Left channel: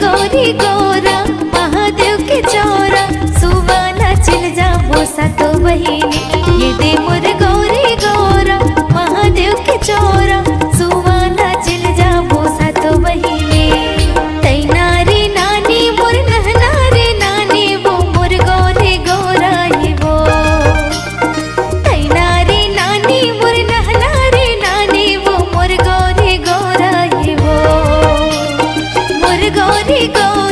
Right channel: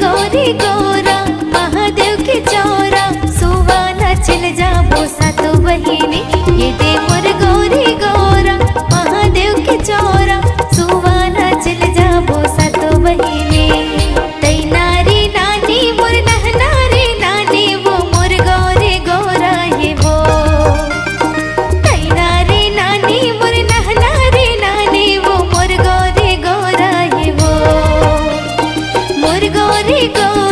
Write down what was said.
गौरी गौरा महादेव के चौरा सुवाना चल जाबो सातो बहिनी ये दे मोर गौरी गौरा महादेव के चौरा सुवाना चल जाबो सातो बहिनी तई नारी नानी मोर नहनारी नानी वो मोर गौरी गौरा ये वो तई नारी नानी मोर नहनारी नानी वो मोर गौरी गौरा ये वो मोर गौरी गौरा